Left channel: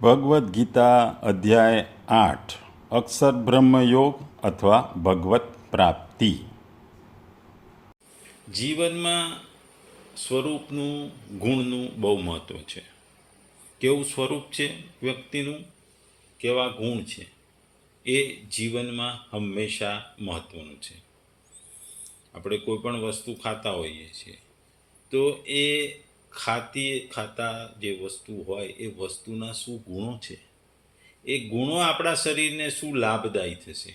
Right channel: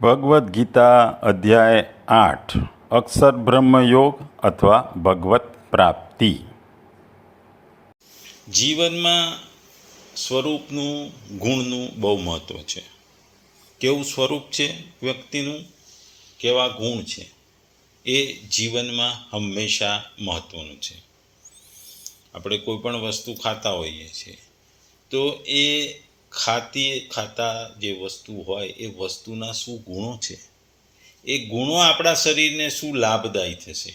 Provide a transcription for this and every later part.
ભગવદ્ ગીતા અધ્યાય 8 અક્ષર બ્રહ્મયોગ અથવા ભગવત પ્રાપ્તિ. જીવનમાં સ્વરૂપનું ગુણનું બહુ મહત્ત્વ છે. કેવું સ્વરૂપ છે વ્યક્તિનું, કેવા ગુણ છે, એ જીવનમાં હંમેશા મહત્ત્વનું છે. આપણે કોઈ પણ વસ્તુ ખાતા હોઈએ છીએ તો એ ખાતા જે વસ્તુ હોય એ વસ્તુના શું ગુણો છે, એ ગુણો આપણા શરીરને શું લાભદાયી થશે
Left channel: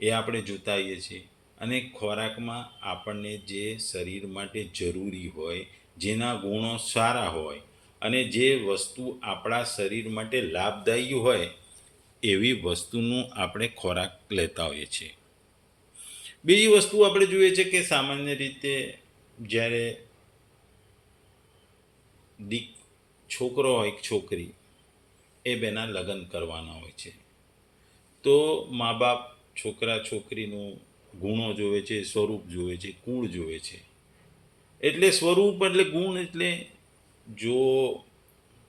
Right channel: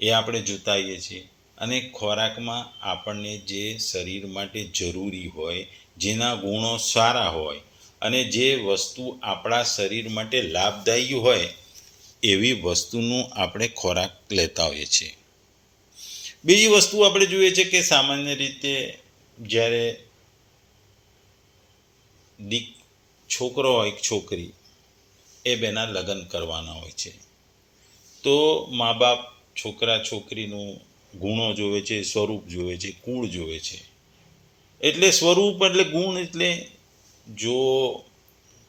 એ આપણે જોતા હોઈએ છીએ. અને ખોરાકમાં આપણને જે શરીર માટે જરૂરી હોય, જેના ગુણો સારા હોય અને જે વસ્તુ આપણા શરીર માટે લાભદાયી હોય એવી વસ્તુનું આપણે ખોરાક લેતા હોઈએ છીએ. બીજી વસ્તુ આપણે જોઈએ છે કે સામાન્ય રીતે જ્યારે છોકરો હોય છોકરી એ બેના લગ્ન કરવાના હોય છે તો મા બાપ છોકરા છોકરીનું ગુણો જોવે છે, સ્વરૂપ જોવે છે, કુળ જોવે છે. એટલે સ્વરૂપ એટલે ગુણ. એટલે જો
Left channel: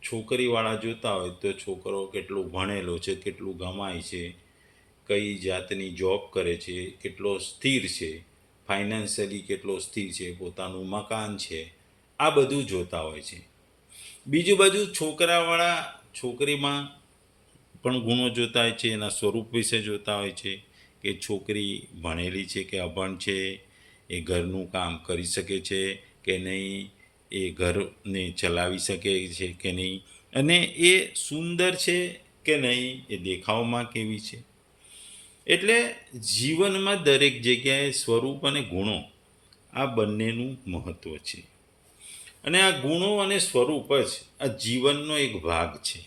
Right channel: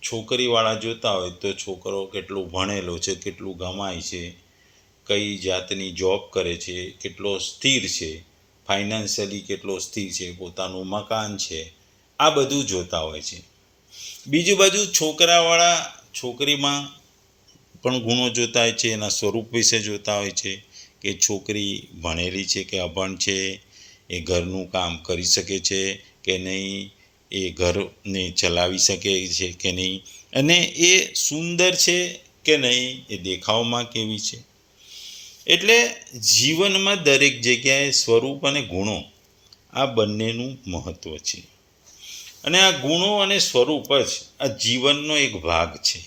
છોકરીવાળા જોતા હોય તો છોકરો કેટલું ભણેલો છે, કેટલું કમાય છે, કઈ જાતની જોબ કરે છે, કેટલો સ્થિર છે, ફાઇનાન્શિયલી કેટલો સ્થિર છે, પોતાનું મકાન છે, આ બધું જોતા હોય છે. બીજી બાજુ છોકરાવાળા છોકરીમાં પણ ગુણો જોતા હોય છે, એના સ્વરૂપ વિશે જોતા હોય છે કે છોકરી ભણેલી છે કે અભણ છે, એ ઘરનું કામ કરી શકે છે કે નહીં, એ ઘરને ચલાવી શકે છે કે નહીં, અને એ સુંદર છે કે નહીં, એ દેખાવમાં કેવી છે. એટલે જીવનમાં દરેક જગ્યાએ સ્વરૂપ અને ગુણો આ બંનેનું મહત્ત્વ છે. અને આ ગુણો અને સ્વરૂપ જ આ જીવનનો એક ભાગ છે.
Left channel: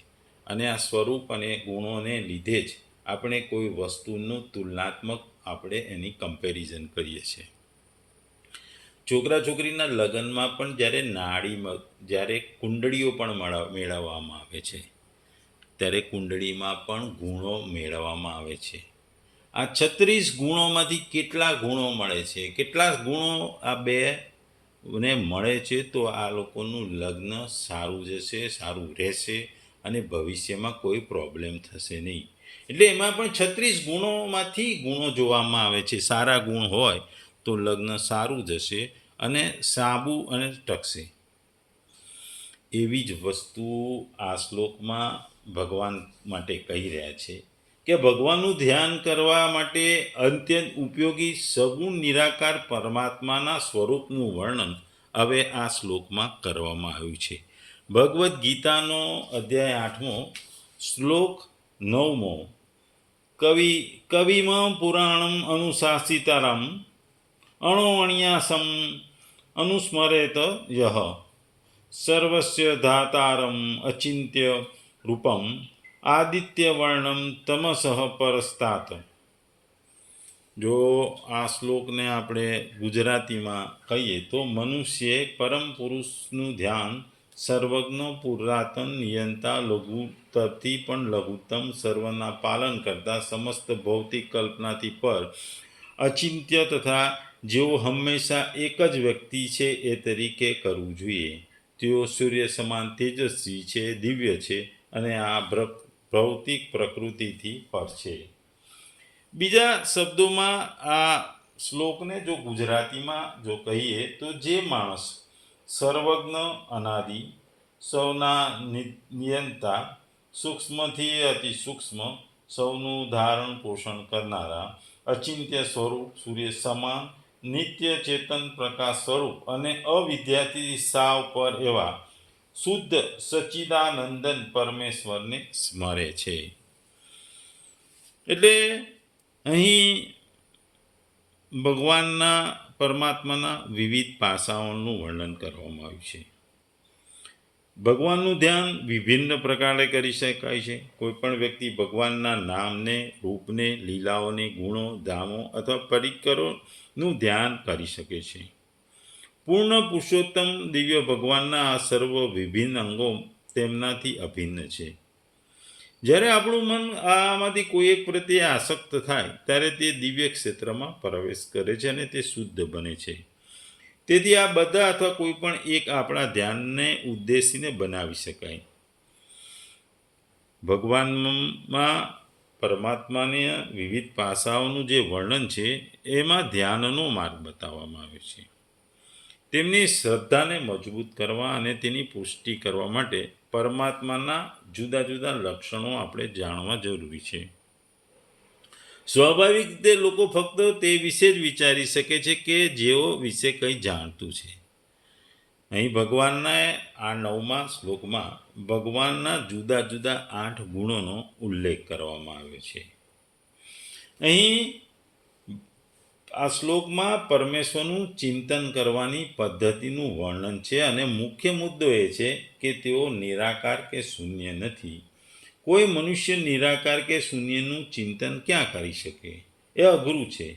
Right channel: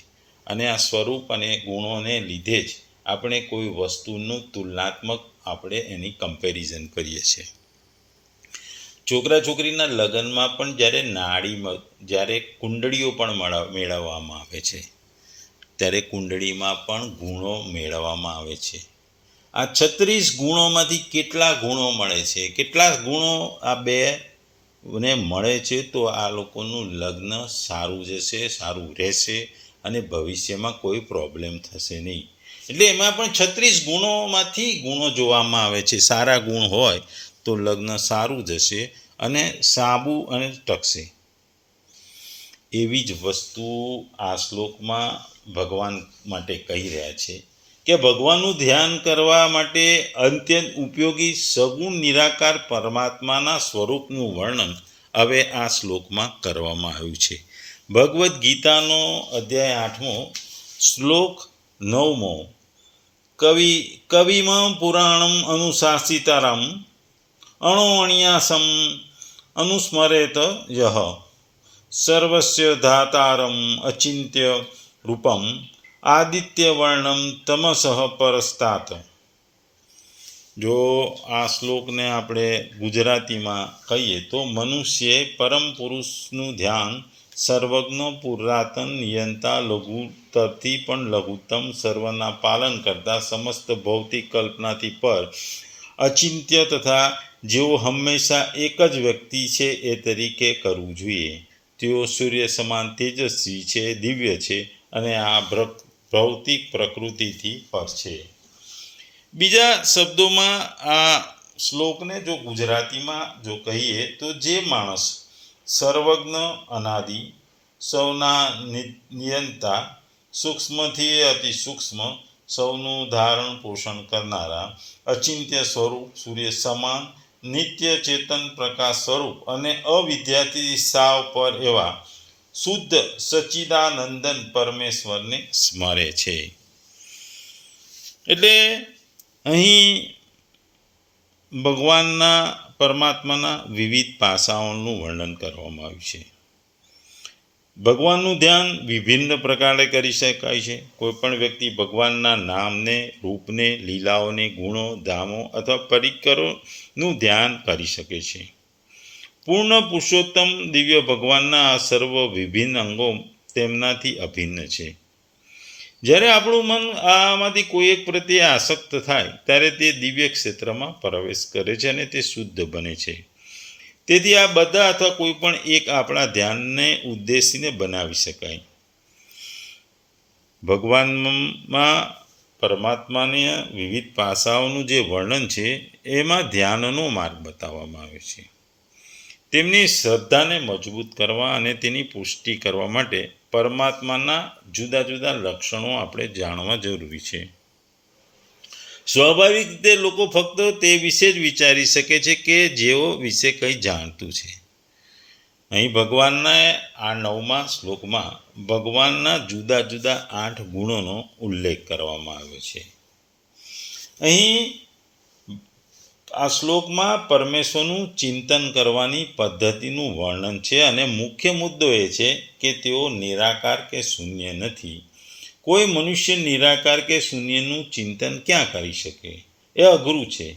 અને આ સ્વરૂપ અને ગુણોને લીધે જ આપણે કોઈ વસ્તુનું તુલનાત્મક આપણે એની કમ્પેરિઝન કરીએ છીએ. છોકરા છોકરીના લગ્નમાં પણ જ્યારે કુંડળીઓ પણ મેળવવામાં આવે છે ત્યારે કુંડળીમાં પણ ગુણો મેળવવામાં આવે છે. આ 36 ગુણોમાંથી કેટલા ગુણો મળે છે, કેટલા ગુણો આ બે ને મળે છે તો આ લોકોનું લગ્ન સારું જશે, સારું રહેશે અને ભવિષ્યમાં કોઈ પ્રોબ્લેમ થશે નહીં. એટલે એમાં પણ 36 ગુણોમાંથી ગુણો જોવામાં આવે છે. સારા ગુણ હોય તો લગ્ન સારું જશે અને સાબું અને ટકશે. એવી જ વસ્તુ આ શ્લોકમાં ભગવાન માટે કહી રહ્યા છે કે ભગવાનનું ધ્યાન કરવા માટે અત્યંત ઉપયોગી સગુણ નિરાકાર પરમાત્માના સ્વરૂપનું વર્ણન હવે આ શ્લોકમાં કરવામાં આવ્યું છે. ભગવદ્ ગીતાનો અધ્યાય 8 શ્લોક 9. કવિમ પુરાણમ અનુશાસિતારમ અણોઅણ્યાસમ અનુસ્મરેત યહ સર્વસ્ય ધાતારમ અચિંત્ય રૂપમ આદિત્યવર્ણમ તમસઃ પરસ્તાત. જો આ શ્લોકને આપણે ગુજરાતીમાં કહીએ તો મનુષ્યે પરમ પુરુષનું ધ્યાન સર્વજ્ઞ પુરાતન નિયંતા લઘુત્તરથી પણ લઘુત્તમ સર્વના પાલન કરતા સમસ્ત ભૌતિક કલ્પનાથી પર અચિંત્ય તથા જેઓ હંમેશા એક જ વ્યક્તિ છે એ તરીકે કરવું જોઈએ. તેઓ સૂર્ય સમાન તેજસ્વી છે, દિવ્ય છે અને આ ભૌતિક પ્રકૃતિથી પર છે. બીજા શબ્દોમાં આ શ્લોકને જો ગુજરાતીમાં જો કહીએ તો જે માણસ સર્વજ્ઞ, અનાદિ, સૌના નિયંતા, સૂક્ષ્મથી અતિ સૂક્ષ્મ, સૌનું ધારણ પોષણ કરનારા, અચિંત્ય સ્વરૂપ, સૂર્ય સમાન, નિત્ય ચેતન પ્રકાશ સ્વરૂપ અને અવિદ્યાથી સાવ પર એવા શુદ્ધ સચ્ચિદાનંદન પરમેશ્વરને સ્મરે છે. એટલે અહીં ભગવાનના પરમાત્માના વિવિધ પાસાઓનું વર્ણન કરવામાં આવ્યું છે. ભગવાનનું ધ્યાન વિભિન્ન પ્રકારે કરી શકાય છે. કોઈ પણ વ્યક્તિ ભગવાનના નામને, રૂપને, લીલાઓને, ગુણો, ધામો અથવા પરિકરોનું ધ્યાન કરી શકે છે. પૂર્ણ પુરુષોત્તમ દિવ્ય ભગવાનના આ સર્વ વિભિન્ન અંગો તેમનાથી અભિન્ન છે. જ્યારે આપણું મન આમાંથી કોઈ એક પ્રત્યે આસક્ત થાય ત્યારે તે દિવ્ય ક્ષેત્રમાં પ્રવેશ કરે છે અને તે શુદ્ધ બને છે. તેથી આ બધા અથવા કોઈ પણ એક આપણા ધ્યાનને ઉદ્દેશીને બનાવી શકાય. ભગવાનમાં પરમાત્માને વિવિધ પાસાઓનું જે વર્ણન છે એમાં ધ્યાનનો માર્ગ બતાવવામાં આવ્યો છે. તેમની શ્રદ્ધાને મજબૂત કરવા અને તેની પુષ્ટિ કરવા માટે પરમાત્માના જુદા જુદા લક્ષણો આપણે જાણવા જરૂરી છે. સ્વાભાવિક રીતે લોકો ફક્ત તે વિશે જ વિચારી શકે છે કે જેઓ વિશે કંઈ જાણતું છે. અહીં ભગવાનના આ 9મા શ્લોકમાં ભગવાનના જુદા જુદા 8 ગુણોનો ઉલ્લેખ કરવામાં આવ્યો છે. અહીં આ શ્લોકમાં પરમેશ્વરનું ચિંતન કરવાની પદ્ધતિનું વર્ણન છે અને મુખ્ય મુદ્દો એ છે કે તેઓ નિરાકાર કે શૂન્ય નથી. કોઈ મનુષ્ય નિરાકાર કે શૂન્યનું ચિંતન ક્યાં કરી શકે? એ અઘરું છે.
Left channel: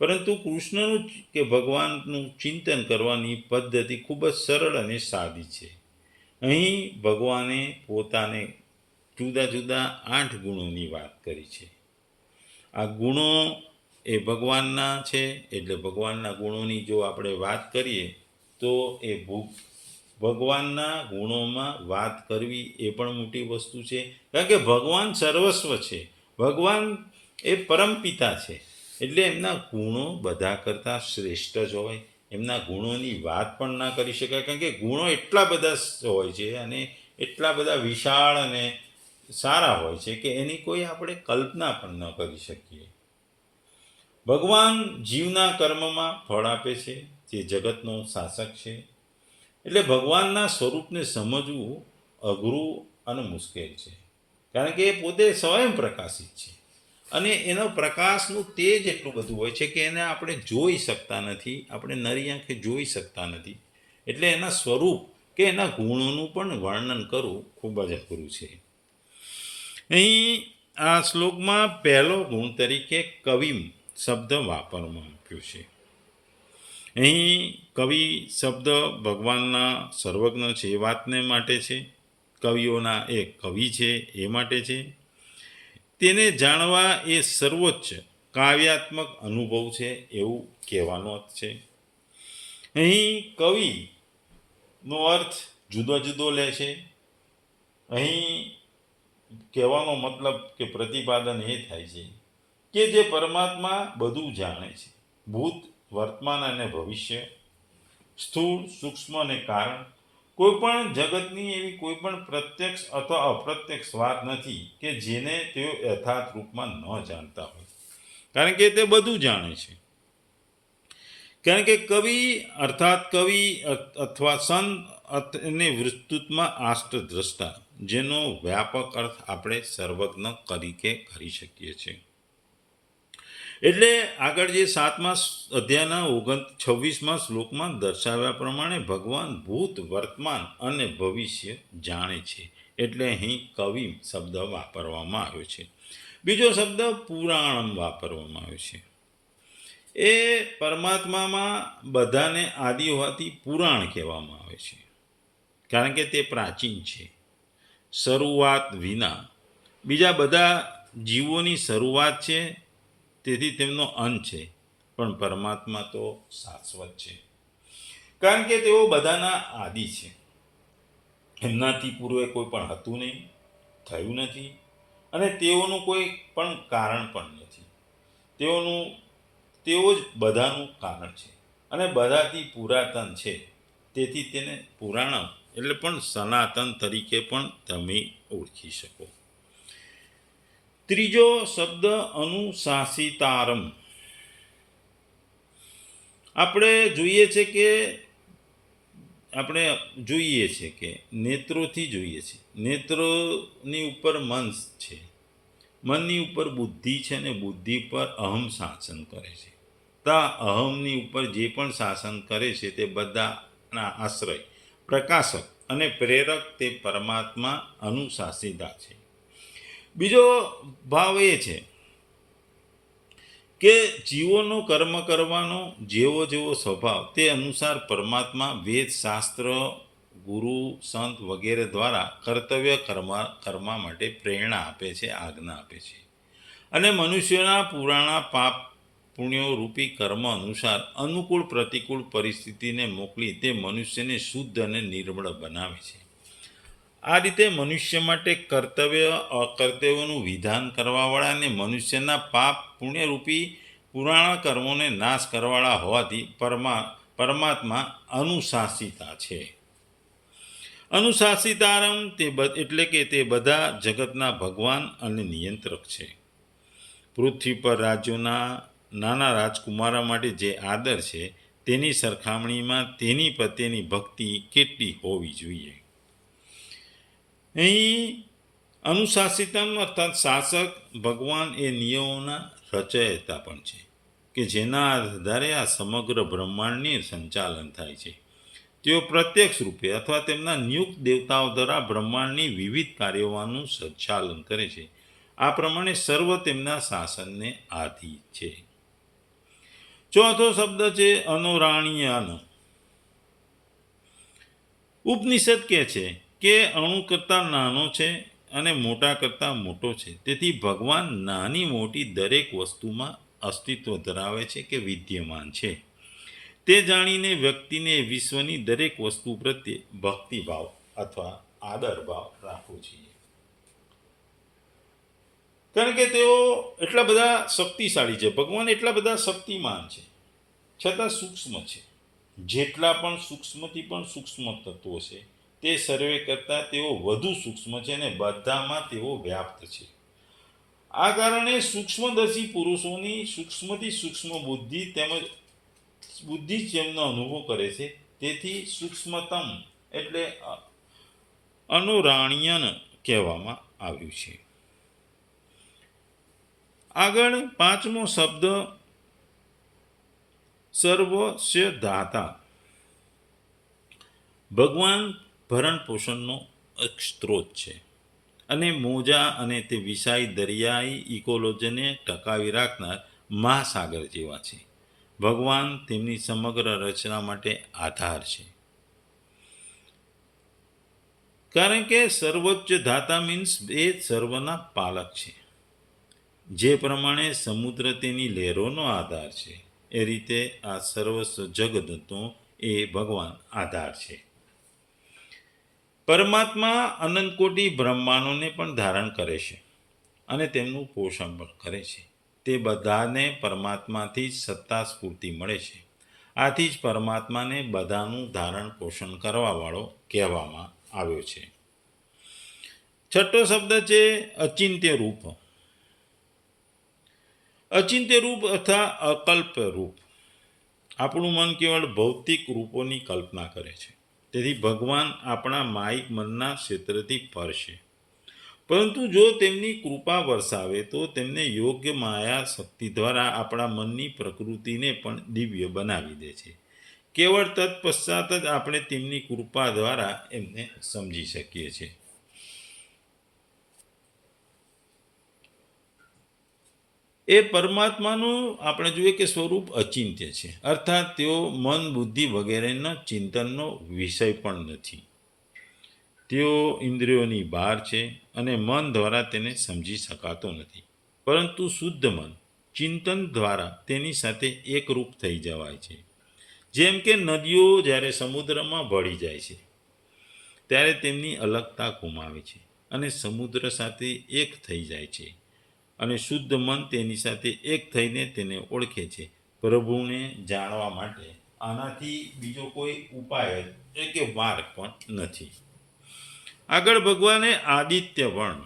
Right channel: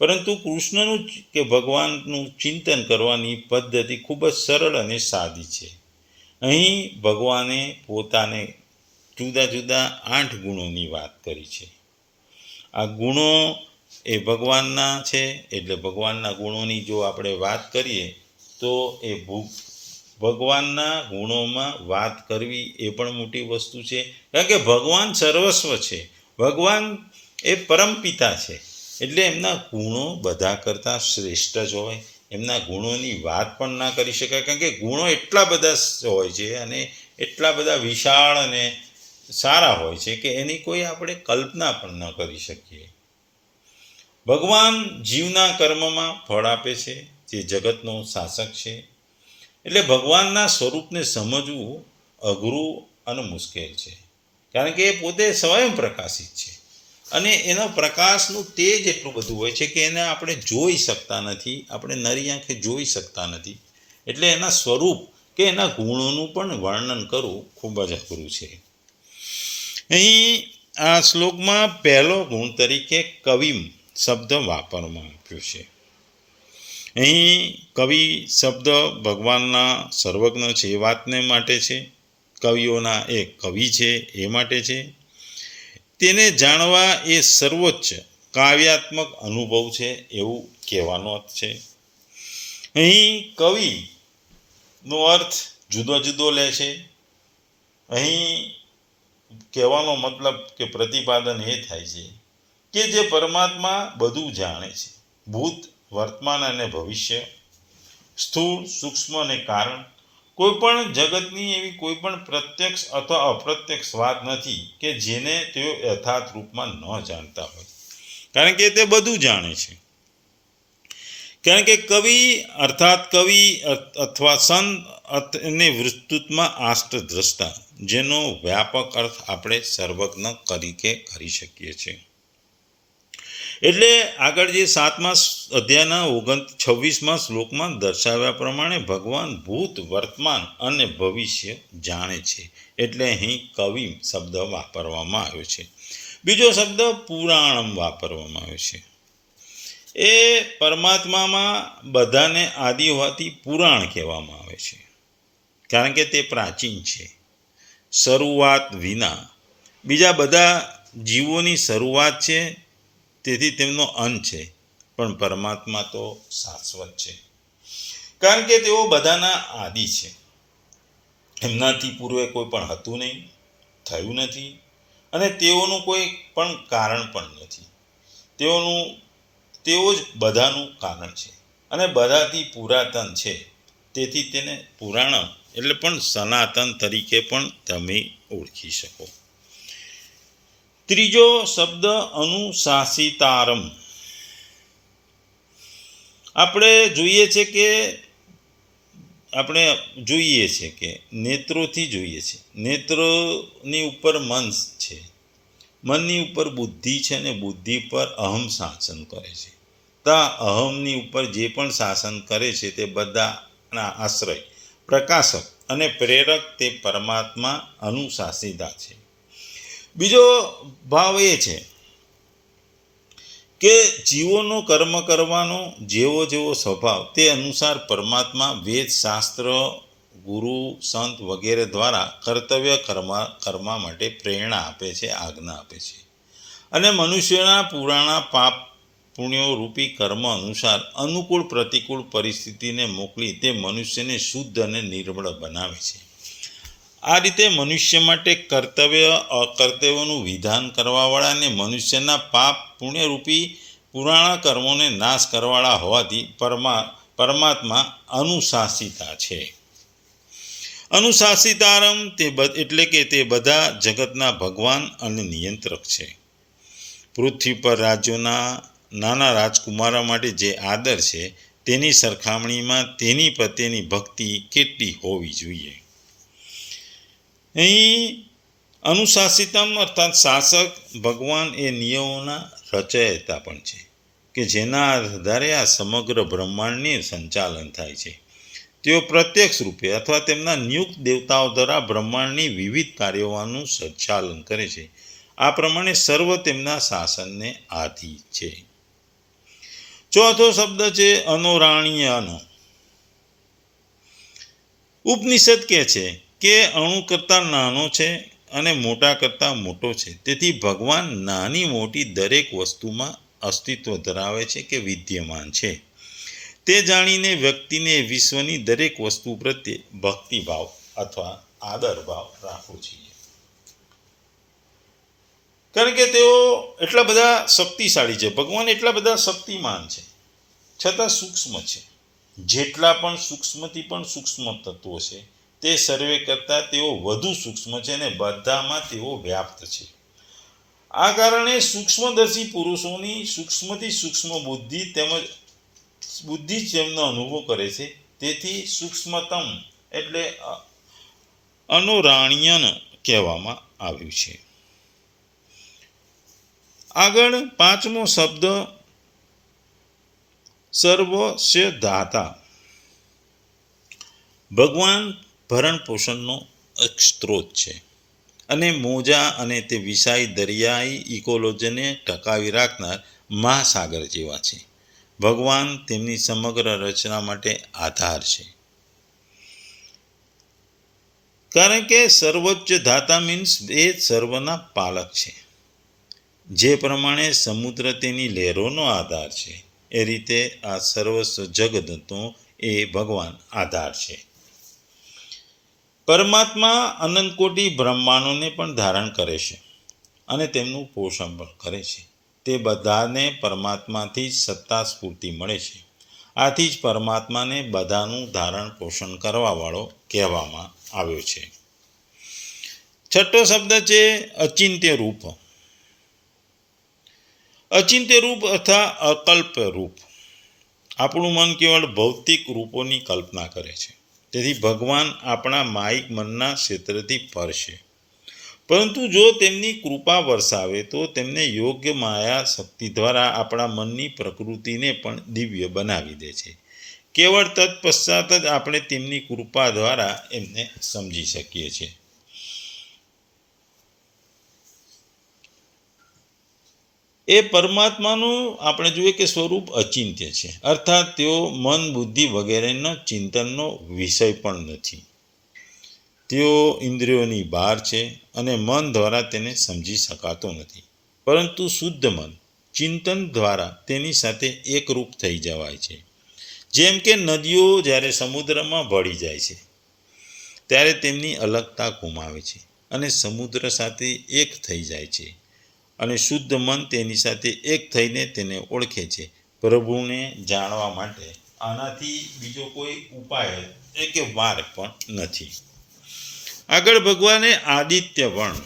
પરંતુ કૃષ્ણનું કે ભગવાનનું ચિંતન કરવાની પદ્ધતિ ખૂબ જ સરળ અને સાદી છે. અહીં ભગવાને પોતાને જુદા જુદા 8 ગુણોની વાત કરી છે. આ ગુણો એ ભગવાનના છે, એટલે ભગવાનના ગુણોની જો આપણે વાત કરીએ તો એ ભગવાનના ગુણોમાં વાત કરવી એ પણ મોટી વસ્તુ છે, કારણ કે ભગવાન સર્વસ્વ છે. ભગવાન એ પરમપિતા છે, એટલે એમના ગુણો બધા કરતાં શ્રેષ્ઠ જ હોય. એમના ગુણોની વાત પણ ના કરી શકાય, કારણ કે ગુણો એટલા બધા હોય છે અને એટલા બધા વિશાળ અને સારા હોય છે કે એની કોઈ આપણે કલ્પના પણ ન કરી શકીએ. ભગવાન જીવના કર્મમાં ફળ આપે છે, જે જગતનો શાસક છે. એટલે ભગવાનના સ્વરૂપને સમજવું અઘરું અને મુશ્કેલ છે, કારણ કે એ પોતે સ્વયં પ્રકાશિત છે અને એનો પ્રકાશનું તેજ એટલું બધું હોય છે કે એને આપણે જોઈ શકતા નથી, આપણે નરી આંખે જોઈ શકતા નથી. એટલે એના સ્વરૂપ કે એના ગુણોનું પણ વર્ણન કરવું ખૂબ જ અઘરું છે. અહીં આ શ્લોકમાં પહેલો ગુણ તરીકે કવિમ શબ્દ વાપરવામાં આવ્યો છે. અહીં કવિ શબ્દ ભગવાનના સર્વજ્ઞ છે એ વાતને માટે છે, કવિઓના એ કવિ છે એ માટે છે. તેને જાણવા એ સર્વોચ્ચ કાવ્યાત્મક અનુભવ છે એવું કહેવાનો અર્થ છે. અહીં કવિનો અર્થ જુદો જુદો લે છે. અહીં કહેવાનો મતલબ કે પ્રતિપાદન એ થાય છે કે જે પરમાત્મા બધું જાણે છે, ભૂત, વર્તમાન અને ભવિષ્ય, સ્થૂળ, સૂક્ષ્મ અને કારણ. કોઈ પણ જગતની એવી કોઈ પણ પ્રત્યક્ષ અથવા અપ્રત્યક્ષ વાત નથી કે જેને તેઓ યથાર્થ રૂપમાં ન જાણતા હોય, કારણ કે તે બધું જાણે છે. કારણ કે કવિ અર્થાત કવિ અથવા સંત અને વિસ્તૃતમાં આષ્ટદ્રષ્ટા, જેનો વ્યાપક અર્થ આપણે સર્વજ્ઞ તરીકે કરી શકીએ છીએ. એટલે આગળ જે 7મા અધ્યાયના 26મા શ્લોકમાં દર્શાવ્યા પ્રમાણે ભગવાન ભૂત, વર્તમાન અને ભવિષ્ય જાણે છે, એટલે અહીં કવિ શબ્દ વાપરવામાં આવ્યો છે. બીજો શબ્દ પુરાણમ વાપરવામાં આવ્યો છે. એ પરમાત્મામાં બધાને આદિ હોવાથી પુરાણ કહેવામાં આવે છે, કારણ કે તે પ્રાચીન છે, શરૂઆત વિના. બીજા બધા જીવોની શરૂઆત છે, તેથી તેમનો અંત છે, પણ પરમાત્મા તો શાશ્વત છે, કારણ કે તેઓ બધાના આદિ છે. એમનાથી પૂર્વે કોઈ પણ હતું નહીં, થયું નથી અને તેઓનું કોઈ પણ કારણ પણ નથી. તેઓ જ બધાનું કારણ છે અને બધાથી પુરાતન છે, તેથી તેને પુરાણ એટલે પણ સનાતન તરીકે પણ તમે ઓળખી શકો. ત્રીજો શબ્દ અનુશાસિતારમ. આપણે જોઈએ છે કે નેત્રોથી જોઈએ છે, નેત્રોની ઉપર મન છે, મનની ઉપર બુદ્ધિ છે અને બુદ્ધિ પર અહમ શાસન કરે છે. તો અહમની ઉપર જે પણ શાસન કરે છે તે બધાના આશ્રય, પ્રકાશક અને પ્રેરક તે પરમાત્મા અનુશાસિતા છે. બીજો ભાવ એ છે કે જીવોનો કર્મ કરવાનો જેવો સ્વભાવ તે અનુસાર પરમાત્મા વેદ, શાસ્ત્ર, ગુરુ, સંત વગેરે દ્વારા કર્તવ્ય કરવા માટે પ્રેરણા આપે છે, આજ્ઞા આપે છે અને મનુષ્યના પુરાણા પાપ પુણ્યો રૂપી કર્મ અનુસાર અનુકૂળ પ્રતિકૂળ પરિસ્થિતિને મોકલી તે મનુષ્યને શુદ્ધ અને નિર્મળ બનાવે છે. આ રીતે મનુષ્ય માટે કર્તવ્ય અકર્તવ્યનું વિધાન કરવાવાળા અને મનુષ્યના પાપ પુણ્યરૂપી પુરાણા કર્મોને નાશ કરવાવાળા હોવાથી પરમાત્મા અનુશાસિતા છે. અનુશાસિતારમ એટલે કે તે બધા જગતના ભગવાન અને નિયંત્રક છે. પૃથ્વી પર રાજ્યોના નાના રાજકુમારો માટે જે આદર છે તેની સરખામણીમાં તેની પ્રત્યેની ભક્તિ કેટલી હોવી જોઈએ. અહીં અનુશાસિતમ અર્થાત શાસક ભગવાન એ નિયમોના રચયિતા પણ છે કે જેના આધારે આ સમગ્ર બ્રહ્માંડનું સંચાલન થાય છે. તેઓ પ્રત્યક્ષ રૂપે અથવા તેમના નિયુક્ત દેવતાઓ દ્વારા બ્રહ્માંડની વિવિધ કાર્યોનું સંચાલન કરે છે. આ પ્રમાણે સર્વ તેમના શાસનને આધીન છે. ચોથો શબ્દ છે અનોરાણીયન. ઉપનિષદ કહે છે કે અણુ કરતાં નાનો છે અને મોટા કરતાં મોટો છે. તેથી ભગવાન નાની મોટી દરેક વસ્તુમાં અસ્તિત્વ ધરાવે છે કે વિદ્યમાન છે. તે જાણીને વ્યક્તિને વિશ્વની દરેક વસ્તુ પ્રત્યે ભક્તિભાવ અથવા આદરભાવ રાખવો જોઈએ. કારણ કે તેઓ એટલા બધા શક્તિશાળી છે, ભગવાન એટલા બધા શક્તિમાન છે, છતાં સૂક્ષ્મ છે. જેટલા પણ સૂક્ષ્મથી પણ સૂક્ષ્મ તત્વો છે તે સર્વે કરતાં તેઓ વધુ સૂક્ષ્મ છે અને બધામાં તેઓ વ્યાપ્ત છે. આ કારણે સૂક્ષ્મદર્શી પુરુષોની સૂક્ષ્મથી સૂક્ષ્મ બુદ્ધિ તેમજ બુદ્ધિ જ તેમનો અનુભવ કરે છે. તેથી સૂક્ષ્મતમ એટલે અનુરાણ્યન કહેવામાં આવ્યું છે. આગળ પાંચમો શબ્દ સર્વસ્ય દાતા. ભગવાન ભરણ પોષણનો એક સ્ત્રોત છે અને મોજા અને તે વિશાળ દરિયાઈ ઇકોલોજીને ટકાવી રાખનાર મહાસાગર જેવા છે. ભગવાન તેમની સમગ્ર રચના માટે આધાર છે. કારણ કે સર્વોચ્ચ દાતા મીન્સ એ સર્વના પાલક છે. જે પ્રમાણે સમુદ્ર તેની લહેરોનો આધાર છે એ રીતે આ સર્વસ્વ જગતનો એ ભગવાન આધાર છે. પરમાત્મા અનંતકોટી બ્રહ્માંડોને પણ ધારણ કરે છે અને તેમનું પોષણ પણ કરે છે. તે બધાને પરમાત્માથી જ સત્તા સ્ફૂર્તિ મળે છે. આથી જ પરમાત્માને બધાનું ધારણ પોષણ કરવાવાળો કહેવામાં આવ્યો છે. છઠ્ઠો શબ્દ છે અચિંત્ય રૂપ. અચિંત્ય રૂપ અથવા અકલ્પ રૂપ. આપણું મન કેવળ ભૌતિક રૂપોની કલ્પના કરે છે. તેથી ભગવાન આપણા માયિક મનના ક્ષેત્રથી પર છે. પરંતુ જો તેમની કૃપા વરસાવે તો તેમને યોગ્ય માયા શક્તિ દ્વારા આપણા મનની પ્રકૃતિને પણ દિવ્ય બનાવી દે છે. કેવળ તત્પશ્ચાત જ આપણે તેમની કૃપા દ્વારા એમને સમજી શકીએ છીએ. એ પરમાત્માનું આપણે જોઈએ કે સ્વરૂપ અચિંત્ય છે, અર્થાત તેઓ મન બુદ્ધિ વગેરેના ચિંતનનો વિષય પણ નથી. તેઓ ઇન્દ્રિયોની બહાર છે અને મન દ્વારા તેને સમજી શકાતો નથી. પરંતુ શુદ્ધ મન ચિંતન દ્વારા તેની સાથે એકરૂપ થઈ જવાય છે. જેમ કે નદીઓ જ્યારે સમુદ્રમાં ભળી જાય છે ત્યારે તેમની અલગતા ગુમાવે છે અને સમુદ્ર સાથે એક થઈ જાય છે. અને શુદ્ધ મન તેની સાથે એક થઈને તેને ઓળખે છે. પ્રભુને જાણવા માટે આનાથી બીજો કોઈ ઉપાય કે માર્ગ પણ નથી. આગળ ભગવાને આદિત્ય વર્ણ.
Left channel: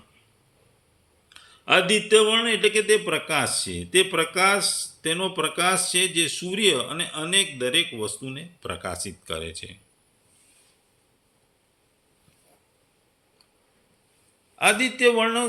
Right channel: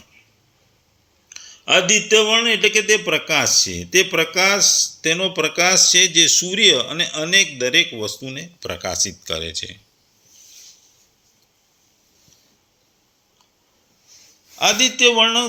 આદિત્ય વર્ણ એટલે કે તે પ્રકાશ છે. તે પ્રકાશ તેનો પ્રકાશ છે જે સૂર્ય અને અનેક દરેક વસ્તુને પ્રકાશિત કરે છે. આદિત્ય વર્ણ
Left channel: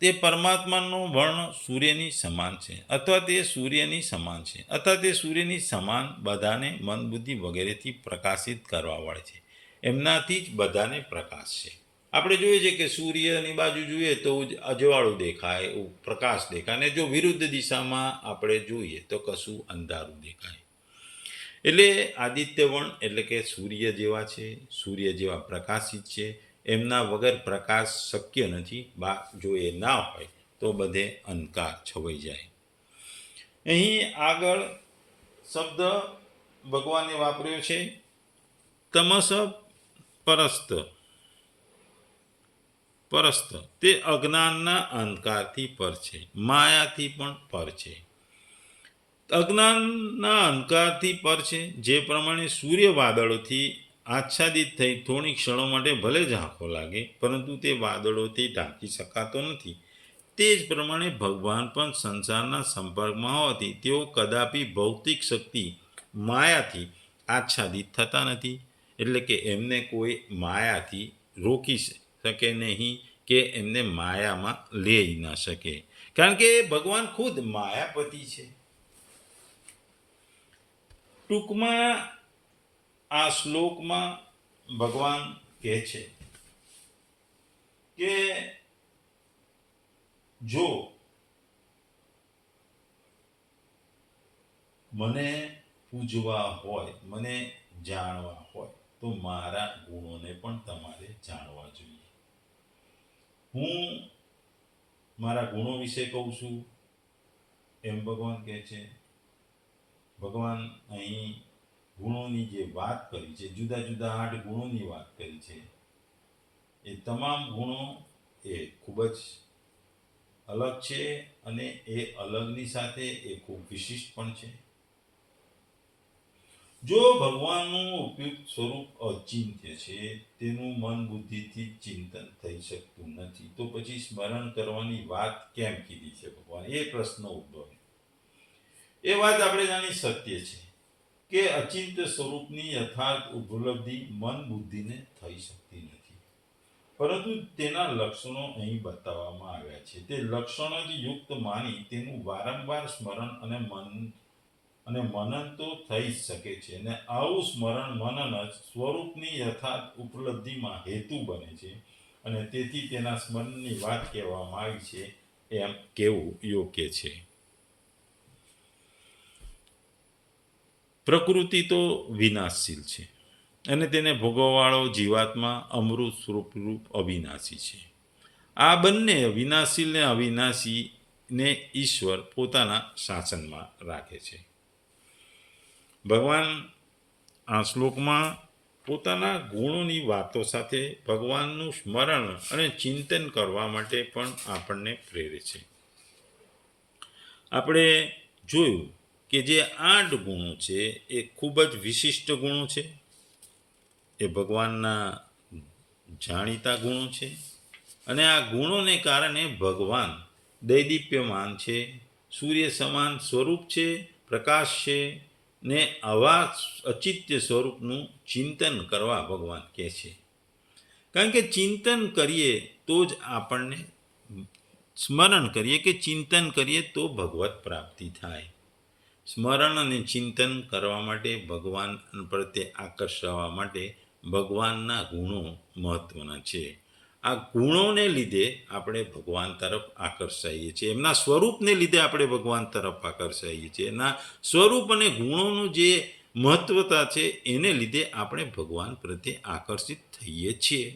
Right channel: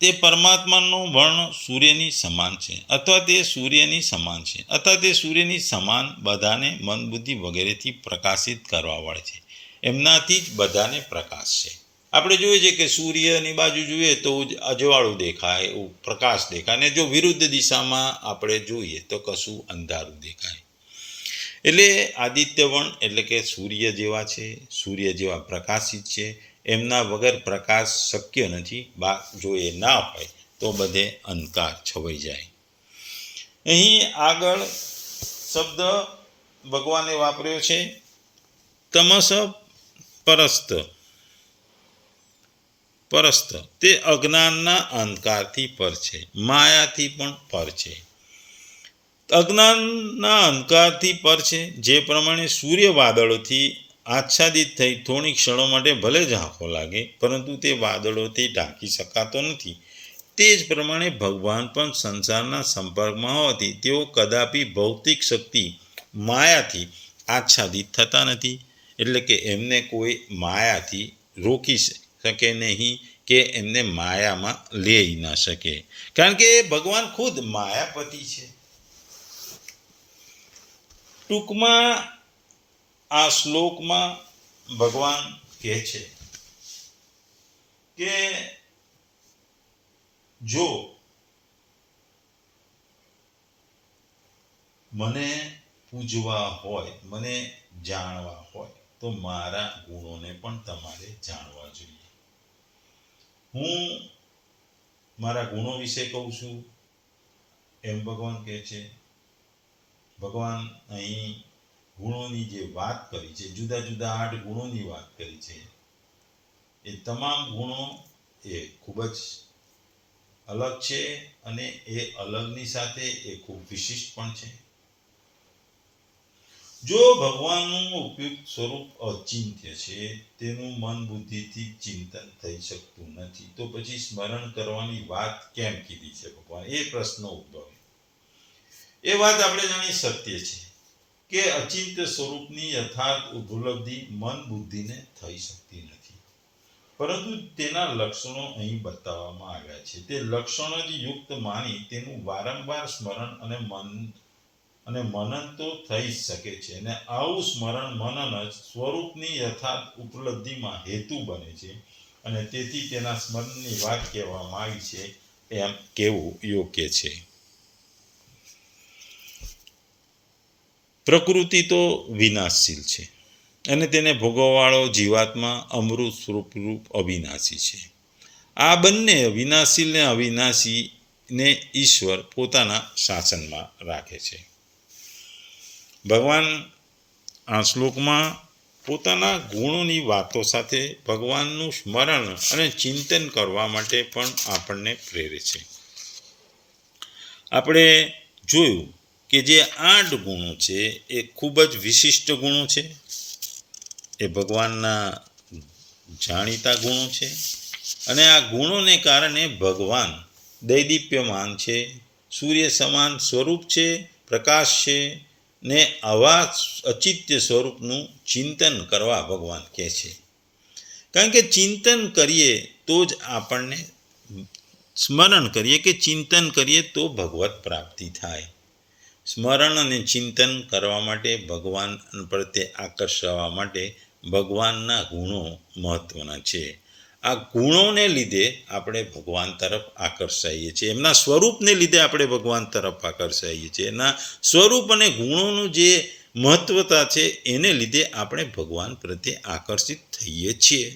તે પરમાત્માનો વર્ણ સૂર્યની સમાન છે અથવા તે સૂર્યની સમાન છે અથવા તે સૂર્યની સમાન બધાને મન બુદ્ધિ વગેરેથી પ્રકાશિત કરવા વાળે છે. એમનાથી જ બધાને પ્રકાશ છે. આપણે જોઈએ છે કે સૂર્યની બાજુ જોઈએ તો અજવાળું દેખાય, પ્રકાશ દેખાય, અને જો વિરુદ્ધ દિશામાં આપણે જોઈએ તો કશું અંધારું દેખાય. એટલે આદિત્ય વર્ણ એટલે કે સૂર્ય જેવા છે, સૂર્ય જેવા પ્રકાશિત છે. એમના વગર પ્રકાશ શક્ય નથી. જો એ ના હોય તો બધે અંધકાર છવાઈ જાય. અહીં આગળ શબ્દ ભગવાને વાપર્યો છે તમસ પરસ્ત. પરસ્ત તે અજ્ઞાનના અંધકારથી પર છે, માયાથી પણ પર છે. અજ્ઞાનના અંધકારથી પર છે. જે પ્રમાણે સૂર્ય વાદળોથી આચ્છાદિત થઈ થોડી ક્ષણો માટે ભલે ઝાંખો લાગે, પરંતુ તે વાદળોથી ઢાંકી શકાતો નથી. તે જ પ્રમાણે ભગવાન પણ સંસારના સંપર્કમાં હોવાથી તેઓ કદાપી ભૌતિક શક્તિ માયાથી આચ્છાદિત થતા નથી. એટલે કે એમને કોઈ માયાથી રોકી શકે નહીં કે એમને માયામાં લઈ ન શકે, કારણ કે ભગવાન ખુદ માયાપતિ છે. ટૂંકમાં આ શ્લોકમાં ભગવાન કહે છે કે જો મને પૂજવા હોય, મને જાણવા હોય, તો મારા ગુણોને પણ તમારે જાણવા જોઈએ. હું મારા ગુણો વિશે કહું છું એમ ભગવાન કહે છે. ભગવાન અહીં ગુણોની જે વાત કરી છે, જુદા જુદા 8 ગુણોની વાત કરી છે, એ તમામ ગુણો એ ખૂબ જ અલગ છે અને એ અલગની સાથે એ ખૂબ વિશિષ્ટ પણ છે. જો ભગવાનનું ઉપયુક્ત સ્વરૂપ અચિંત્ય છે, તેનું મન બુદ્ધિથી ચિંતન થઈ શકતું નથી, તો પછી સ્મરણ કરવાની વાત કેમ કીધી છે ભગવાન? એ પ્રશ્ન ઉદ્ભવે. એ વાત આપણે જાણી સત્ય છે કે અચિંત્ય સ્વરૂપની યથાર્થ ઉપલબ્ધિ મન બુદ્ધિને થઈ શકતી નથી, પરંતુ તેના લક્ષણો અહીં બતાવવામાં આવ્યા છે. તે લક્ષણો જ યુક્ત માની તેનું વારંવાર સ્મરણ અને મનન તો થઈ શકે છે, અને આવું સ્મરણ મનન જ સ્વરૂપની યથાર્થ ઉપલબ્ધિમાં હેતુ બને છે, અને તેથી તેના સ્મરણની વાત કહેવામાં આવી છે એમ કહેવું યોગ્ય છે. પ્રકૃતિ તો વિનાશશીલ છે અને તેને ભોગવવાળો જીવાત્મા અમૃત સ્વરૂપ અવિનાશી છે. આ બંને વિનાશશીલ ને અવિનાશીને ઈશ્વર પોતાના શાસનમાં રાખે છે. ભગવાન આ શ્લોકમાં પોતાના ગુણોની વાતો સાથે ભગવાનનું સ્મરણ અને ચિંતન કરવા માટે પણ આપણને પ્રેરે છે. આપણે જોયું કે જે 8 ગુણો છે એ ખૂબ જ વિશિષ્ટ ગુણો છે. એ ભગવાનના જાણીતા ગુણો છે, અને આ ગુણોને કારણે ભગવાન દૈદીપ્યમાન છે, સૂર્ય સમાન સ્વરૂપ છે, પ્રકાશ છે, ને આવા અચિત્ય સ્વરૂપનું ચિંતન કરવા ભગવાન કહે છે. કારણ કે ચિંતન કરીએ તો જ આપણને સ્મરણ કરીએ કે ચિંતન કરીએ તો ભગવત પ્રાપ્તિ થાય. સ્મરણ અને ચિંતન કરવા માટે, ભગવાન પ્રત્યે આકર્ષવા માટે ભગવાનના ગુણો મહત્વના છે. આ ગુણોને લીધે આપણે ભગવાન તરફ આકર્ષાઈએ છીએ, એમના સ્વરૂપને લીધે આપણે ભગવાન તરફ આકર્ષાઈએ છીએ. એના સ્વરૂપ અને ગુણોનું જે મહત્વતા છે એને લીધે આપણે ભગવાન પ્રત્યે આકર્ષિત થઈએ છીએ.